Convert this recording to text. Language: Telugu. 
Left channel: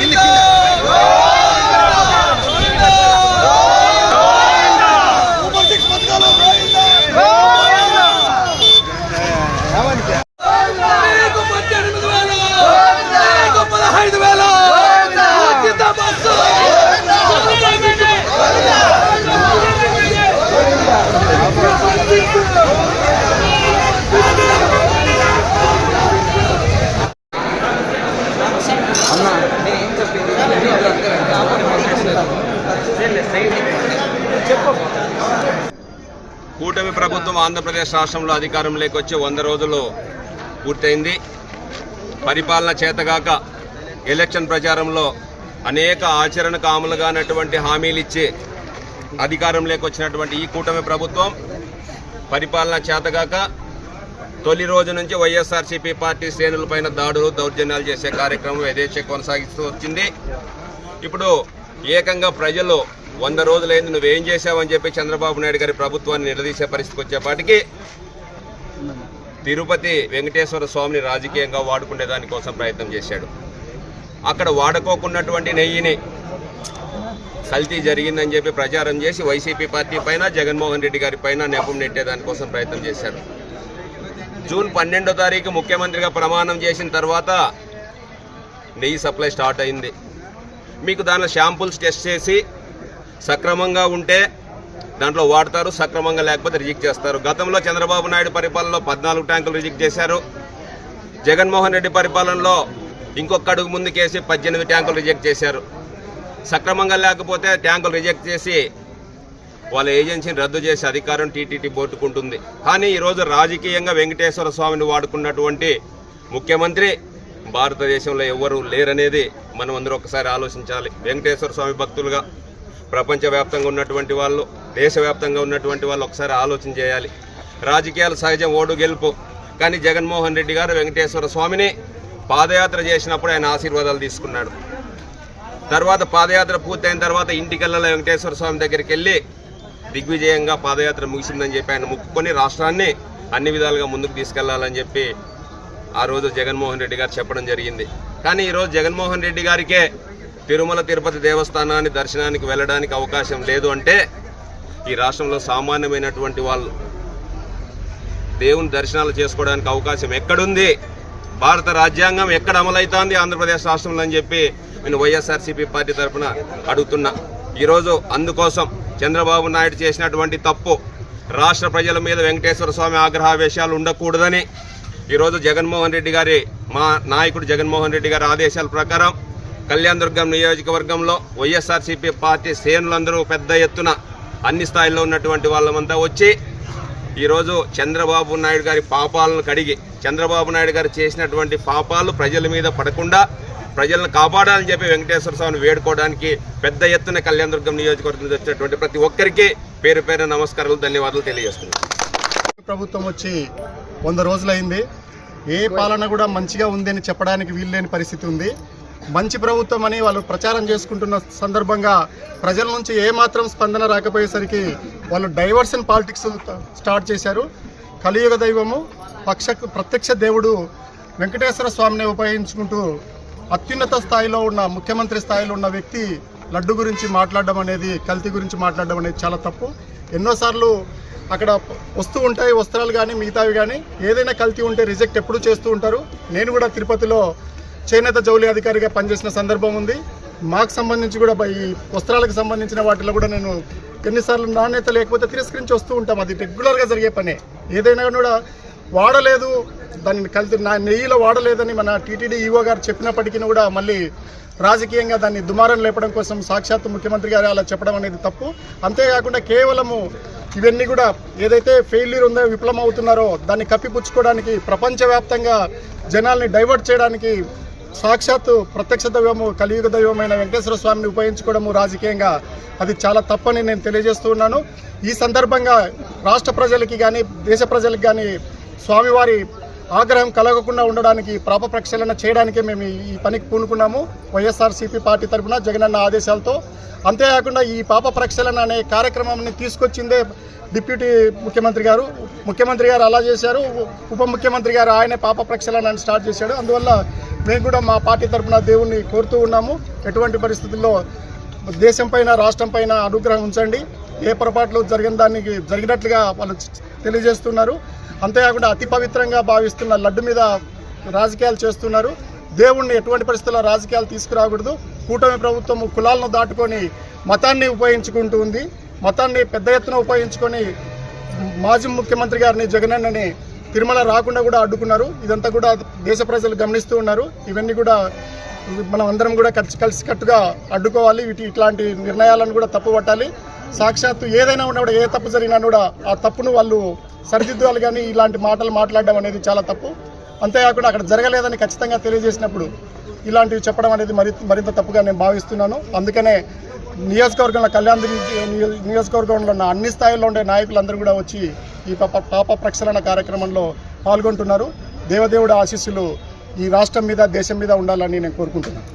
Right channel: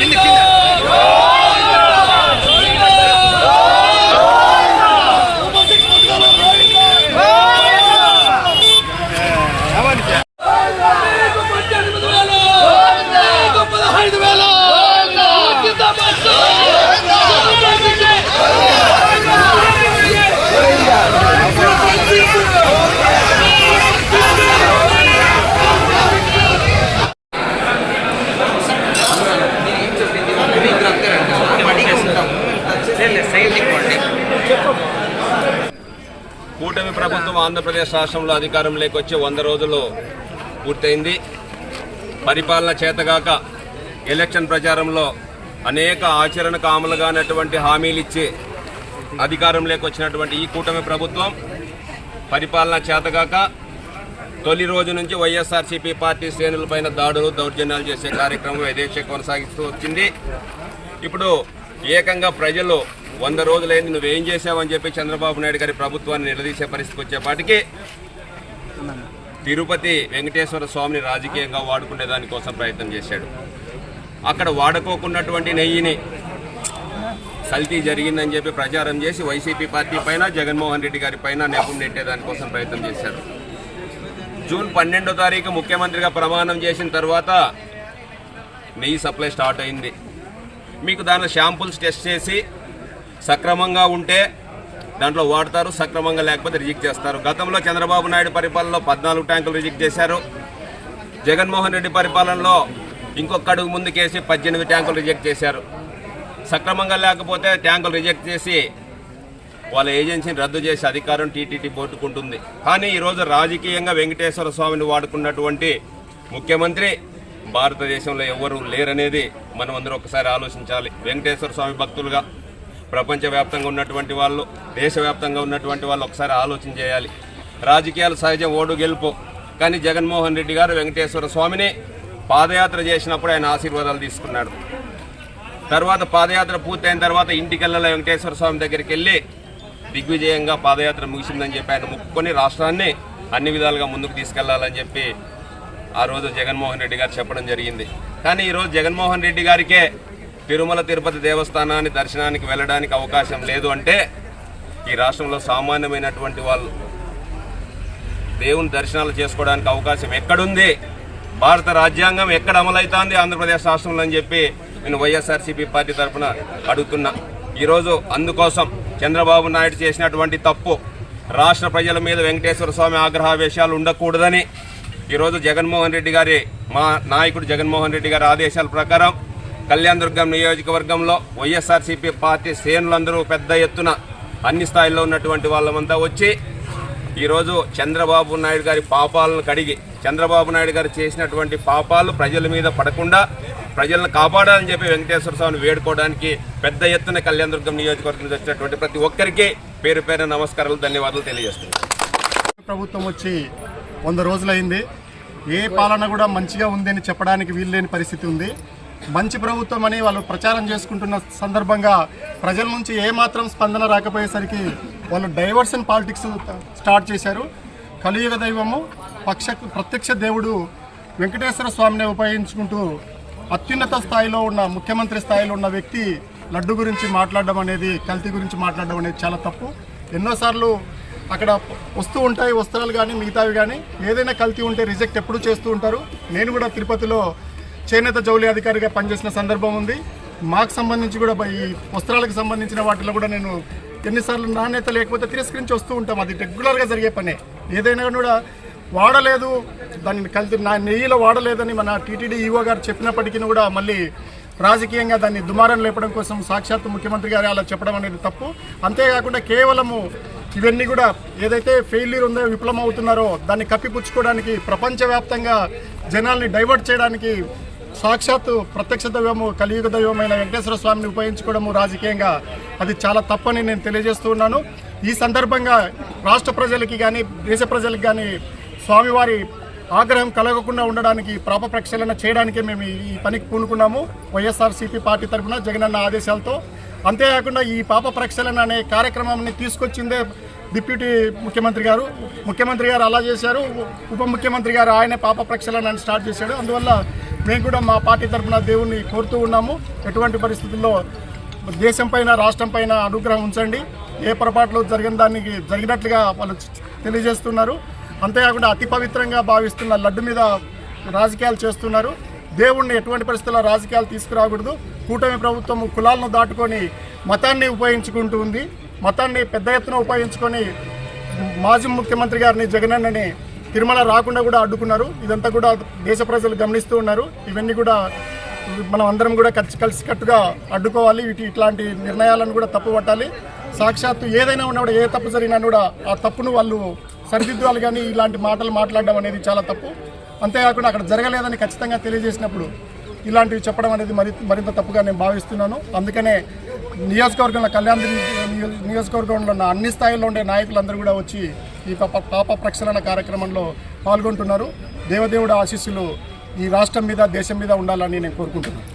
Kinder, Kinder. కూటమి ప్రభుత్వం ఆంధ్రప్రదేశ్ రాష్ట్రంలో అధికారంలోకి వచ్చి వంద రోజులు పూర్తయింది. పరిపాలన చేతగాక ఎలక్షన్ ప్రచారంలో అనేక ఆచరణకు అమలుగానటువంటి హామీలు ఇచ్చి అధికారంలోకి వచ్చినటువంటి ఈ కూటమి ప్రభుత్వం పరిపాలన చేతగాక తొలి రోజు నుంచి వైఎస్ఆర్సీపీ పార్టీ శ్రేణులపైన దాడులు దౌర్జన్యాలు చేసే కార్యక్రమం యథేచ్ఛ కొనసాగిస్తూ వచ్చింది. ఇప్పుడు ఏకంగా ప్రజలు వంద రోజులైంది నువ్వేం చేశావని చెప్పి చంద్రబాబు నాయుడు గారి ప్రభుత్వాన్ని నిలదీసే పరిస్థితికి వచ్చేపాటికి తిరుపతి వెంకటేశ్వర స్వామిని రాజకీయంగా వాడుకునే దానికోసం ప్రయత్నం చేశాడు. అక్కడ వాడుకోకున్నటువంటి నెయ్యిని కల్తీ జరిగిందని చెప్పి ప్రచారం చేసి వైసీపీ పార్టీ పైన జగన్మోహన్ రెడ్డి గారి పైన నెపం నెట్టేదానికోసం ప్రయత్నం చేశారు. జూన్ పన్నెండో తారీఖు ముఖ్యమంత్రిగా ప్రమాణం చేసిన తర్వాత నెయ్యి సప్లై స్టార్ట్ అయింది. మీకు దానిలో షాంపుల్స్ టెస్ట్ చేసి సక్రమంగా ఉంటే దాంట్లో వాడతారు సక్రమంగా లేకపోతే రిజెక్ట్ చేస్తారు. గతంలో చంద్రబాబు నాయుడు పరిపాలనలో పద్నాలుగు ట్యాంకులు రిజెక్ట్ చేశారు. జగన్మోహన్ రెడ్డి పరిపాలనలో ఇంకొక అడుగు ముందుకేసి పద్దెనిమిది ట్యాంకులు రిజెక్ట్ చేశారు. సక్రమంగా లేకపోతే ట్యాంకులు రిజెక్ట్ చేసి వాళ్ళ ఏజెన్సీని రద్దు చేసే అధికారం టీటీడీ బోర్డుకుంటుంది కానీ ఈరోజు రాజకీయంగా వెంకటేశ్వర స్వామిని వాడుకున్నటువంటి ముఖ్యమంత్రి భారతదేశంలో ఎవరు లేరనేది మనం అందరూ ఒకసారి ఆలోచించాలి. వెంకటేశ్వర స్వామి భక్తులుగా ప్రపంచవ్యాప్తంగా ఉన్నటువంటి వాళ్ళు దేశవ్యాప్తంగా ఉన్నటువంటి వాళ్ళు ఒకసారి ఆలోచన చేయాలి. రాజకీయాలు సహజం ఓడు గెలుపు. కానీ జగన్మోహన్ రెడ్డి గారు వెంకటేశ్వర స్వామిని పాదయాత్ర చేసినప్పుడు ఆయన ఆశీర్వాదాలు తీసుకున్నాడు. తర్వాత పాదయాత్ర పూర్తయిన తర్వాత ఇంటికెళ్ళల వెంకటేశ్వర స్వామి దగ్గరికి వెళ్ళి దిగ్విజయంగా పాదయాత్ర ముగిసిందని చెప్పి ఆయన ముక్కుకొని రాష్ట్రాన్ని అన్ని విధాలుగా ముందుకు తీసుకెళ్ళాలని చెప్పి ఆ రోజు జగన్మోహన్ రెడ్డి గారు చెప్పడం జరిగింది. కానీ ఈరోజు జగన్మోహన్ రెడ్డి గారికే తిరుమల తిరుపతి దేవస్థానాన్ని దర్శనానికి వెళ్ళడానికి అవకాశం లేదు అంటే ఈ రాష్ట్రంలో సామాన్యమైనటువంటి వాళ్ళు దేవుని దర్శనాలు చేసుకోవడానికి అవకాశం ఎక్కడుంది? భారత రాజ్యాంగం ఎక్కడ అమలవుతోంది ఆంధ్రప్రదేశ్ రాష్ట్రంలో అని చెప్పి నేను వైఎస్ఆర్సీపీ పార్టీ తరఫున అడుగుతున్నా. ఈరోజు అందుకోసం చంద్రబాబు నాయుడు చేసినటువంటి తప్పు రాష్ట్ర ప్రజల మీద వెంకటేశ్వర స్వామి ఆగ్రహావేశాలు ఉండకూడదని ఈరోజు జగన్మోహన్ రెడ్డి గారి మా నాయకుడు జగన్మోహన్ రెడ్డి గారి ఆదేశాల ప్రకారం కళ్యాణదుర్గం నియోజకవర్గంలో వైఎస్ఆర్సీపీ పార్టీ శ్రేణులందరూ పెద్ద ఎత్తున అన్ని స్థాయిల్లో ఉన్నటువంటి వాళ్ళమంతా వచ్చి ఈరోజు చంద్రబాబు నాయుడు గారి పాపాలను కడిగి చంద్రబాబు నాయుడు గారు చేసినటువంటి పాపాలు ప్రజల మీద పడకుండా ప్రజలను కాపాడాలని చెప్పి వెంకటేశ్వర స్వామిని వేడుకోవడానికి పెద్ద ఎత్తున కళ్యాణదుర్గం నియోజకవర్గం వచ్చినటువంటి ప్రతి ఒక్కరికి పేరు పేరు నమస్కారాలు ధన్యవాదాలు తెలియజేస్తున్నాను. ప్రభుత్వం వచ్చి వంద రోజులైంది. ఏ పాలన కూడా మంచిగా ఉందని చెప్పడానికి వీల్లేని పరిస్థితి ఉంది. మంచి ప్రభుత్వం అని వాళ్ళు ప్రచారం చేసుకుంటున్న సందర్భంగా ప్రజల నుంచి ఏమాత్రం స్పందన రాకపోయేసరికి వాళ్ళు డైవర్షన్ పాలిటిక్స్ స్టార్ట్ చేశారు. కలియుగ దైవము పక్ష ప్రత్యక్ష దేవుడు వెంకటేశ్వర స్వామిని ఉపయోగించుకుంటూ అత్యున్నత స్థాయిలో ఉన్న ముఖ్యమంత్రి స్థాయిలో ఉన్న వ్యక్తి లడ్డు గురించి మాట్లాడడం అనేది కల్తీ గురించి మాట్లాడడం అనేది చాలా తప్పు. ఎన్నోసార్లు అక్కడ వస్తూ ఉంటాయి వస్త్రాలు కానీ మిగతావి కానీ ఏదైనా కల్తీ ఉంటే రిజెక్ట్ ఎప్పుడు చేస్తూ ఉంటారు. నేను కూడా తిరుపతిలో చేనేత జౌలి అధికారిగా పనిచేసిన సందర్భం ఉంది. మాకు సంబంధించి కూడా ఈ వస్త్రాలకు సంబంధించిన వాటిలో కూడా నేను ఎన్నిసార్లు నాణ్యత లేకపోతే తిరస్కరించి వస్తూ ఉంటాం. అది రెగ్యులర్గా జరిగే పనే. ఏదైనా కూడా వాడలేదు దాన్ని కలిసి నా నెయ్యిలో వాడలేదని మన టీటీడీ ఈవో గారు చెప్పినప్పటికీ కూడా మళ్ళీ రాజకీయంగా దాన్ని దుమారం లేపడం కోసం సాక్షాత్తు ముఖ్యమంత్రి గారు అలా చెప్పడం అనేది తప్పు. అంతేకాకుండా కేవలము ఇవన్నీ కూడా ఏదైతే ఫెయిల్యూర్ ఉందో విఫలం అవుతున్నారో దాన్ని కప్పిపుచ్చుకోవడానికి ప్రపంచవ్యాప్తంగా జనాల్ని డైవర్ట్ చేయడానికి సాక్షాత్తు ప్రత్యక్ష దైవము కలియుగ దైవమైన వెంకటేశ్వర స్వామిని ఉపయోగించుకోవడము రాజకీయంగా అది చాలా తప్పని నేను తెలియజేస్తూ ఉన్నాను. ఈ సందర్భంగా రాష్ట్ర ప్రజలకి కానీ దేశ ప్రజలకు కానీ స్వామివారి ఆగ్రహం కలగకుండా ఉండడానికి ప్రాప ప్రక్షాళన చేయడానికే మేము ఈ- పనికి పూనుకున్నాము. వైఎస్ఆర్సీపీ పార్టీ తరఫున జగనన్న ఆదేశాలతో. అంతేకాకుండా ఈ పాప ప్రక్షాళన అనే కార్యక్రమాన్ని తీసుకొచ్చిందే డిప్యూటీ ముఖ్యమంత్రి గారు. ముఖ్యమంత్రి గారు అలా చేశారు. ఉప ముఖ్యమంత్రి గారు ఆయనే పాప ప్రక్షాళనని స్టార్ట్ చేశాడు. అందువల్ల మేము కూడా మా పార్టీ తరఫున దేవుణ్ణి కోరుతూ ఉన్నాము. ఎటువంటి పరిస్థితుల్లో దేశం పైన రాష్ట్రం పైన అనుగ్రహం ఉంచండి. ఏ పొరపాట్లు జరిగిన దానికి జరిగినట్లుగా వాళ్ళు తెలియజేస్తున్నారు. అంతేకాకుండా అతి పవిత్రంగా భావిస్తున్న లడ్డు మీద రాజకీయాలు చేస్తున్నారు. దేవుణ్ణి ఎటువంటి పరిస్థితుల్లో రాజకీయాలు తీసుకురాకూడదు. కూటమి ప్రభుత్వం కులాలను దాటుకొని మతాన్ని ఉపయోగించుకుంటూ ఉంది. మతాన్ని పెద్ద ఎత్తున ఉపయోగించుకొని మాజీ ముఖ్యమంత్రి గారిని జగనన్నని తిరుమల రాకుండా కూడా అడ్డుకున్నారు. ఇదంతా కూడా దేశ ప్రజలు గమనిస్తూ ఉన్నారు. ఇవన్నీ కూడా మనం అందరం కూడా కలిసి కలిసికట్టుగా అడ్డుకోవాలి. వీటి ఇట్లాంటి నిర్ణయాలను కూడా తప్పు పట్టాలి. సాక్షాత్తు ఏదైనా ఉన్నా కూడా ఏ తప్పు జరిగినా కూడా ఆ తప్పును వాళ్ళు సరిదిద్దాలి కానీ ఇలాంటి మాటలు మాట్లాడడం అనేది చాలా తప్పు. అంతేకాకుండా అక్కడ జరగలేదని ఖచ్చితంగా తెలియజేసినప్పుడు ఇలాంటివి చెప్పడం అనేది మరి మరింత తప్పుగా నేను భావిస్తున్నాను. అందుకనే నియోజకవర్గంలో కళ్యాణ్ నియోజకవర్గంలో ఉన్న అన్ని స్థాయిల్లో ఉండే నాయకులందరూ కూడా వచ్చి ఈ పాప పాప ప్రక్షాళన కార్యక్రమంలో పాల్గొంటున్నారు. దేవదేవుడు ఆశీస్సులు ఈ రాష్ట్రం మీద దేశం మీద ఉండాలని నేను కోరుకుంటున్నాను.